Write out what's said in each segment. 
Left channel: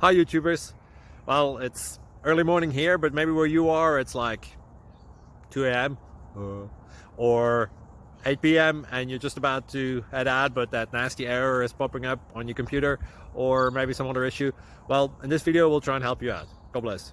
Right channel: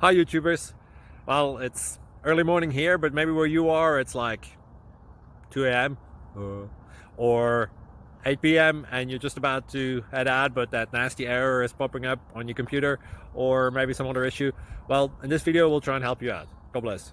Hi YouTubers. Well, it's early morning here, but maybe where you are it's like 2 a.m. or 8 p.m. and you're just about to head out, but that nasty error is popping up on your computer, or maybe some other issue. Well, in this video we'll try and help you out. God bless.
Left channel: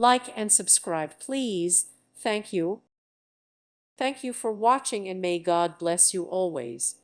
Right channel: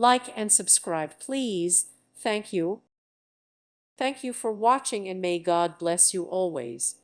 Like and subscribe, please. Thank you. Thank you for watching, and may God bless you always.